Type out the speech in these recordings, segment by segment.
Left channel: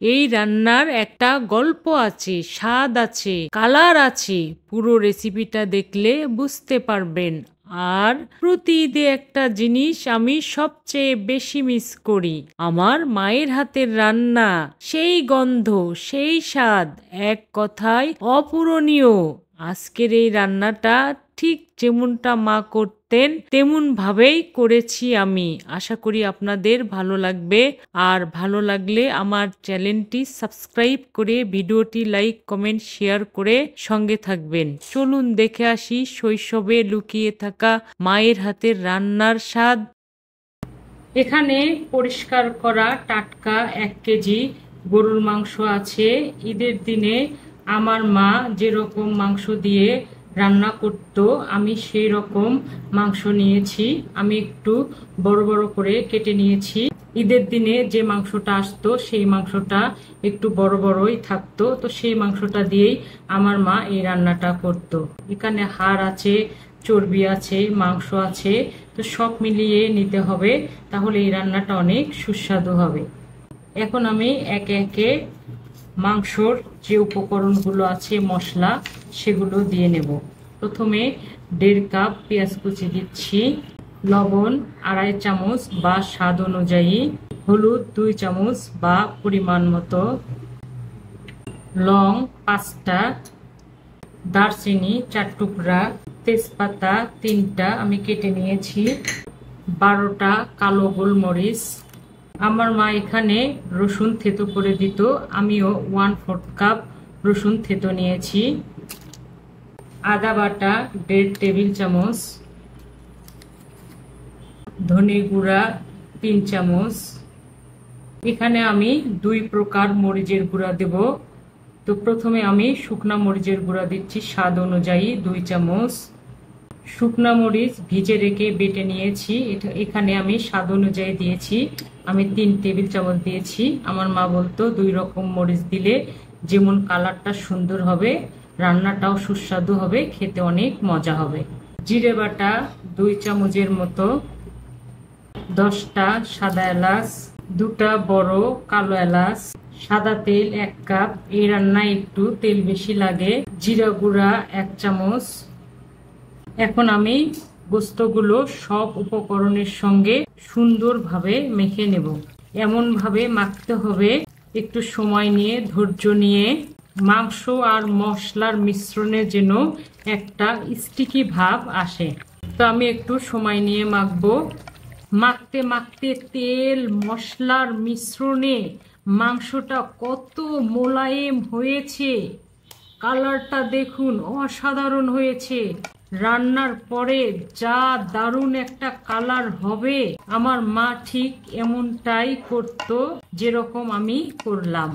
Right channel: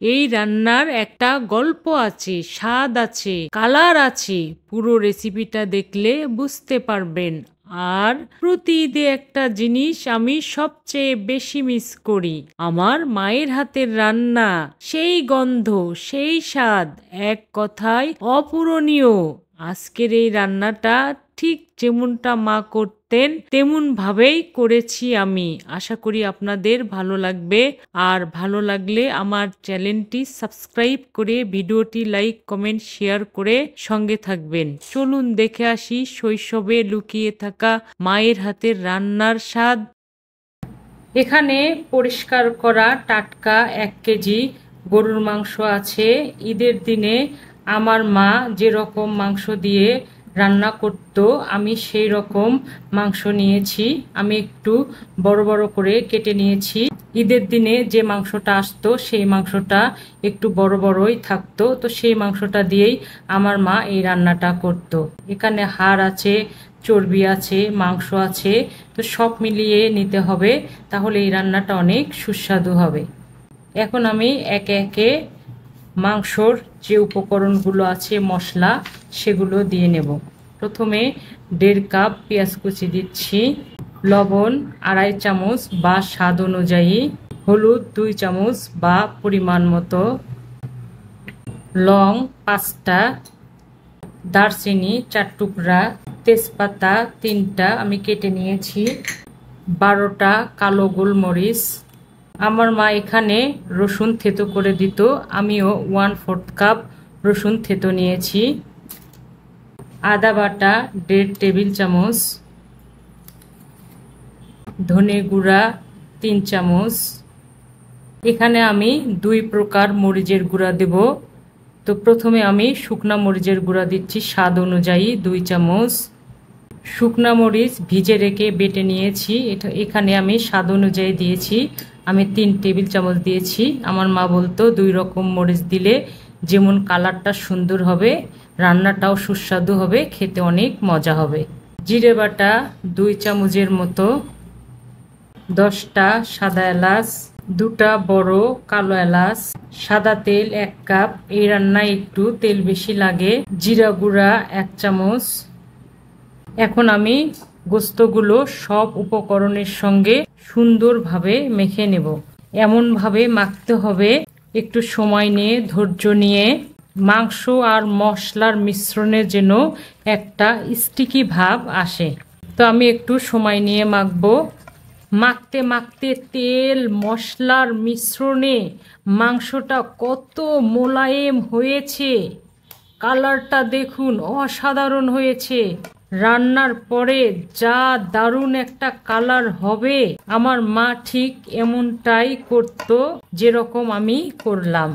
এই রান্নার একটা গল্প আছে, স্বাদ আছে, কালার আছে। পুরো রেসিপিটা দেখলে বুঝতে পারবেন। আর প্রতি ঈদে একটা জিনিস আমি সবচেয়ে বেশি মিস করি, আমার মায়ের হাতের রান্না। সেই গন্ধ, সেই স্বাদ, এক কথায় অপূরণীয়। আজকের এই রান্নাটা ঠিক যেমনটা মা করতেন তেমন ভাবেই করেছি আমি। আশা করি আপনাদের ভালো লাগবে। আর ভালো লাগলে আমার চ্যানেলটি সাবস্ক্রাইব করে ভিডিওটি লাইক কমেন্ট শেয়ার করে সঙ্গে থাকবেন। চলুন দেখে আসি শৈশবে লুকিয়ে থাকা মায়ের হাতের রান্নার স্বাদ। এখানে পরিষ্কার করা টাটকা 1 কেজি গরুর মাংস আছে। ঈদের দিনে আমার মা যেরকম মাংস দিয়ে রান্না করত আমি সেই রকম মাংস নিয়েছি। আমি একটু বড় বড় করে কেটে নিয়েছি। ঈদের দিনে যে মাংসটা আসতো সেই মাংসটা একটু বড় বড়ই থাকতো, তো সেই মাংসটা দিয়েই আমার মা এই রান্নাটা করত। এখানে হাড় আছে, চর্বি আছে, মাংস আছে, তো সব মিলিয়ে নিতে হবে, তাহলে এই রান্নাটা অনেক সুস্বাদু হবে। এখন আমি একে একে মাংসর যে উপকরণগুলো আছে মশলা সেগুলো দিয়ে নেব। প্রথমে 1.5 কাপ পেঁয়াজ কুচি দিচ্ছি, লবণ 2.5 চামচ বা স্বাদ অনুযায়ী, হলুদ 2 চামচ বা পরিমাণ মতো, লং 5টা, দারচিনি 4 টুকরা, তেজপাতা 3টা আমি কেটে নিয়েছি, 12টা কালো গোলমরিচ। আমার মা এখানে রসুন থেতো করে দিত, আমিও 1/4 কাপ রসুন থেতো নিয়েছি, আদা বাটা 1.5 টেবিল চামচ, ধনে গুঁড়া 3 চামচ। এখানে আমি 2 প্রকার মরিচের গুঁড়া দেব। তো প্রথমে আমি শুকনা মরিচের গুঁড়া দিচ্ছি স্বাদ অনুযায়ী 2 চামচ। শুকনা মরিচ ভিজে রেখে বেটে নিয়েছি, এখানে আমি স্বাদ অনুযায়ী দিয়েছি, আমি 3 টেবিল চামচ দিয়েছি। আমার মা বলতো 2 রকম মরিচ দিলে যেমন কালারটা সুন্দর হবে, রান্নাটাও সুস্বাদু হবে, খেতে অনেক মজা হবে। জিরে বাটা 2 চামচের মতো, 10টা সাদা এলাচ, 2টা বড় কালো এলাচ, সাদা তেল 1 কাপ, এই রান্নায় একটু তেল বেশি লাগে, জিরা গুঁড়া 1 চামচ। এখন আমি গোস্তগুলো সব উপকরণের সঙ্গে সুন্দরভাবে মেখে নেব। এমনভাবে মাখতে হবে একটু সময় নিয়ে, ধৈর্য নিয়ে, মাংস আর মশলার মিশ্রণে যেন একটা স্টিকি ভাব আসে। তো আমি একটু সময় নিয়ে মাখবো। মাখতে মাখতে তেল মশলার মিশ্রণে মাংসটা কত মোলায়েম হয়েছে, কালারটা দেখুন অসাধারণ হয়েছে। রান্নার পরে যা দারুণ একটা কালার হবে, আমার মা ঠিক এমনটাই করত যেরকম আমি করলাম।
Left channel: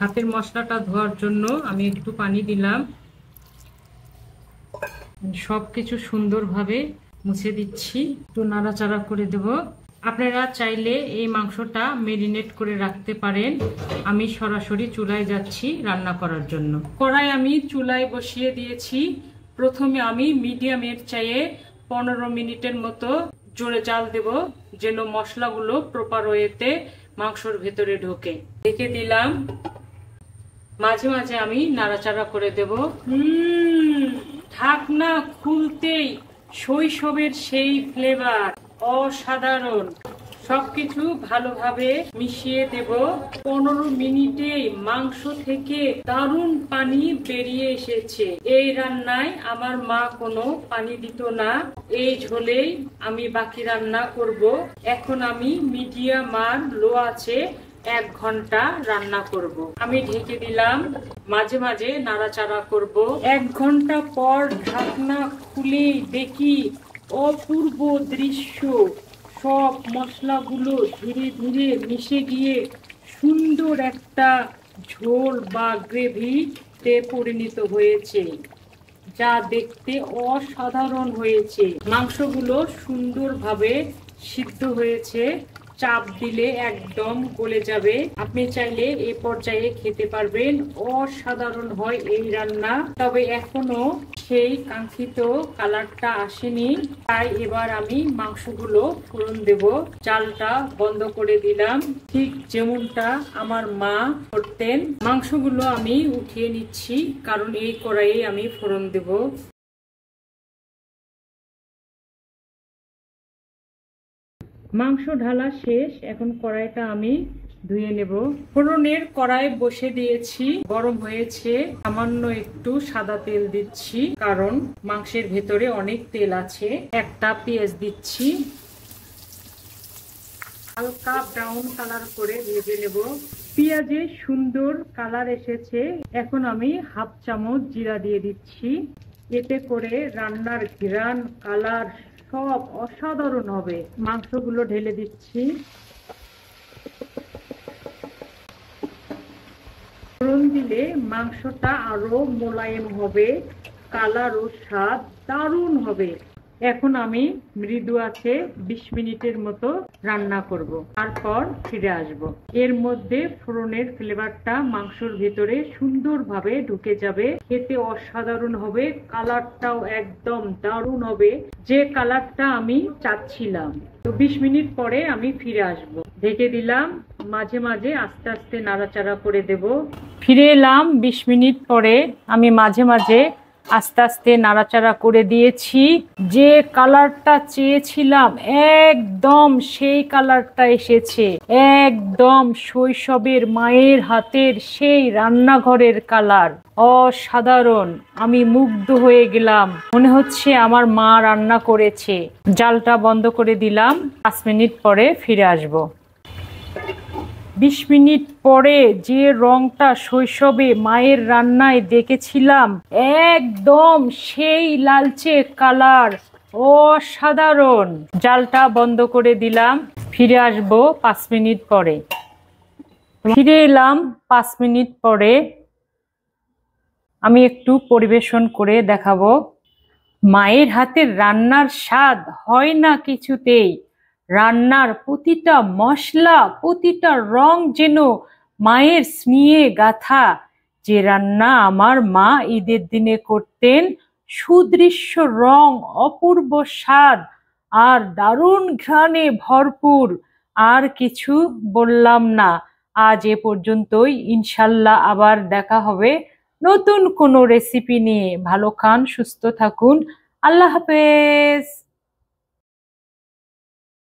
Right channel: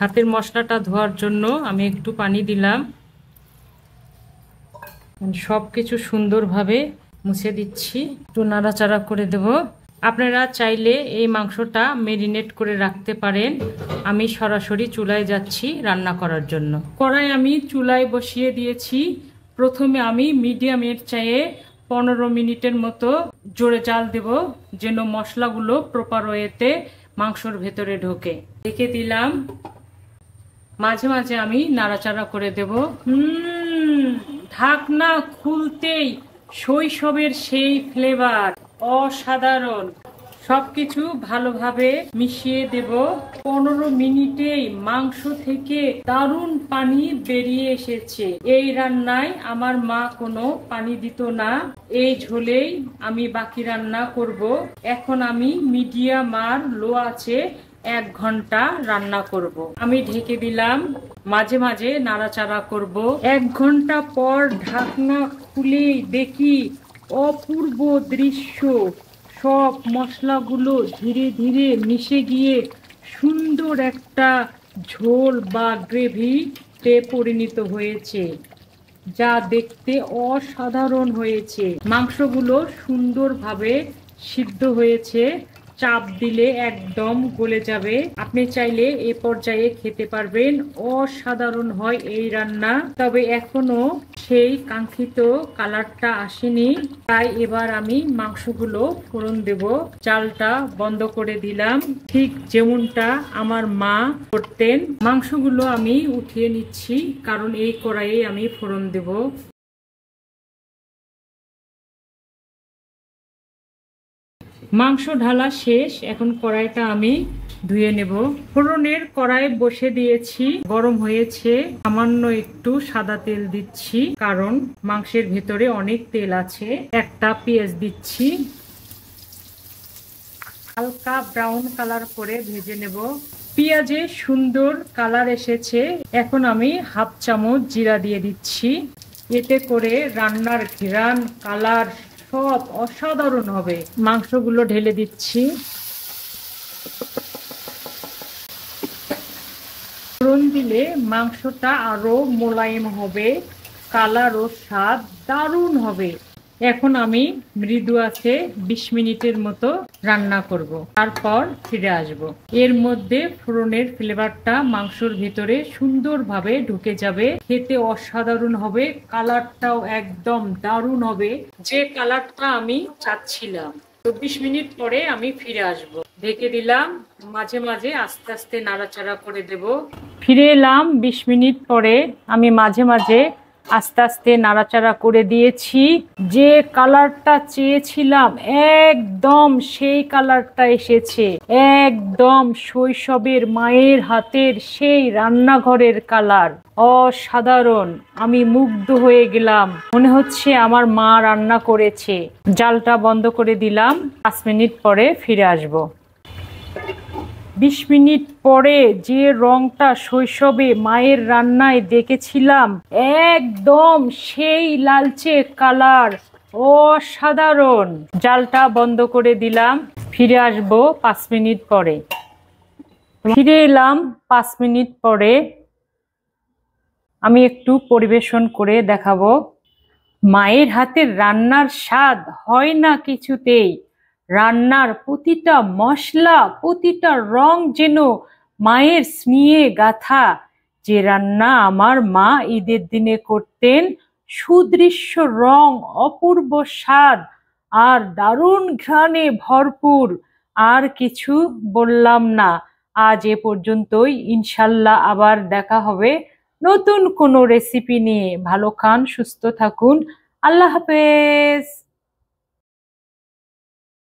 হাতের মশলাটা ধোয়ার জন্য আমি একটু পানি দিলাম, সবকিছু সুন্দরভাবে মুছে দিচ্ছি, একটু নাড়াচাড়া করে দেব। আপনারা চাইলে এই মাংসটা মেরিনেট করে রাখতে পারেন। আমি সরাসরি চুলায় যাচ্ছি রান্না করার জন্য। কড়াই আমি চুলায় বসিয়ে দিয়েছি। প্রথমে আমি মিডিয়ামের চাইয়ে 15 মিনিটের মতো জোরে জাল দেব, যেন মশলাগুলো প্রপার ওয়েতে মাংসর ভেতরে ঢোকে। ঢেকে দিলাম, মাঝে মাঝে আমি নাড়াচাড়া করে দেব। ঢাকনা খুলতেই শৈশবের সেই ফ্লেভার, অসাধারণ। সবকিছু ভালোভাবে মিশিয়ে দেব। 15 মিনিটেই মাংস থেকে দারুণ পানি বেরিয়ে এসেছে। এই রান্নায় আমার মা কোনো পানি দিত না, এই ঝোলেই আমি বাকি রান্না করব। এখন আমি মিডিয়াম আর লো আছে 1 ঘন্টা রান্না করব। আমি ঢেকে দিলাম, মাঝে মাঝে নাড়াচাড়া করব। 1 ঘন্টা পর ঢাকনা খুলেই দেখি অপূর্ব দৃশ্য, সব মশলাগুলো ধীরে ধীরে মিশে গিয়ে সুন্দর একটা ঝোল বা গ্রেভিতে পরিণত হয়েছে, যা দেখতে অসাধারণ হয়েছে। মাংসগুলো সুন্দরভাবে সিদ্ধ হয়েছে, চাপ দিলে একদম গলে যাবে। আপনি চাইলে এ পর্যায়ে খেতে পারবেন। অসাধারণ হয় এই রান্না, তবে এখনো সেই কাঙ্ক্ষিত কালারটা আসেনি। তাই এবার আমি মাংসগুলো ফোড়ন দেব। চালটা বন্ধ করে দিলাম, ঠিক যেমনটা আমার মা করতেন। মাংসগুলো আমি উঠিয়ে নিচ্ছি, কারণ এই কড়াইয়ে আমি ফোড়ন দেব। মাংস ঢালা শেষ, এখন কড়াইটা আমি ধুয়ে নেব। ফোড়নের কড়াই বসে দিয়েছি, গরম হয়েছে। সামান্য একটু সাদা তেল দিচ্ছি, কারণ মাংসের ভেতরে অনেক তেল আছে। একটা পেঁয়াজ দিচ্ছি, হালকা ব্রাউন কালার করে ভেজে নেব। পেঁয়াজে সুন্দর কালার এসেছে, এখন আমি হাফ চামচ জিরা দিয়ে দিচ্ছি। এতে করে রান্নার ঘ্রাণ, কালার সব অসাধারণ হবে। মাংসগুলো ঢেলে দিচ্ছি। ফোড়ন দিলে মাংসটা আরো মোলায়েম হবে, কালার ও স্বাদ দারুণ হবে। এখন আমি মৃদু আছে 20 মিনিটের মতো রান্না করব, তারপর ফিরে আসব। এর মধ্যে ফোড়নের ফ্লেভারটা মাংসের ভিতরে সুন্দরভাবে ঢুকে যাবে, খেতে অসাধারণ হবে, কালারটাও একদম দারুণ হবে, যে কালারটা আমি চাচ্ছিলাম। তো 20 মিনিট পরে আমি ফিরে আসব। ঢেকে দিলাম, মাঝে মাঝে আস্তে আস্তে নাড়াচাড়া করে দেব। ফিরে এলাম 20 মিনিট পরে। আমি মাঝে মাঝে আস্তে আস্তে নাড়াচাড়া করে দিয়েছি। যে কালারটা চেয়েছিলাম একদম সেই কালারটা এসেছে, একদম শৈশবের মায়ের হাতের সেই রান্নাঘরের কালার। অসাধারণ, আমি মুগ্ধ হয়ে গেলাম, মনে হচ্ছে আমার মা রান্না করেছে। জালটা বন্ধ করে দিলাম, 5 মিনিট পরে ফিরে আসব। 20 মিনিট পরে যে রংটা শৈশবে মায়ের রান্নায় দেখেছিলাম, একদম সেই লালচে কালার, অসাধারণ। জালটা বন্ধ করে দিলাম, ফিরে আসব 5 মিনিট পরে। ফিরে এলাম 5 মিনিট পরে। আমি একটু পরিবেশন করে দেখাবো। মায়ের হাতের রান্নার স্বাদ হয় না কিছুতেই। রান্নার প্রতিটা মশলা, প্রতিটা রং যেন মায়ের স্নেহে গাথা। যে রান্না আমার মা ঈদের দিনে করতেন, সুদৃশ্য রং, অপূর্ব স্বাদ আর দারুণ ঘ্রাণে ভরপুর। আর কিছু বললাম না। আজ এ পর্যন্তই, ইনশাল্লাহ আবার দেখা হবে নতুন কোনো রেসিপি নিয়ে। ভালো খান, সুস্থ থাকুন, আল্লাহ হাফেজ।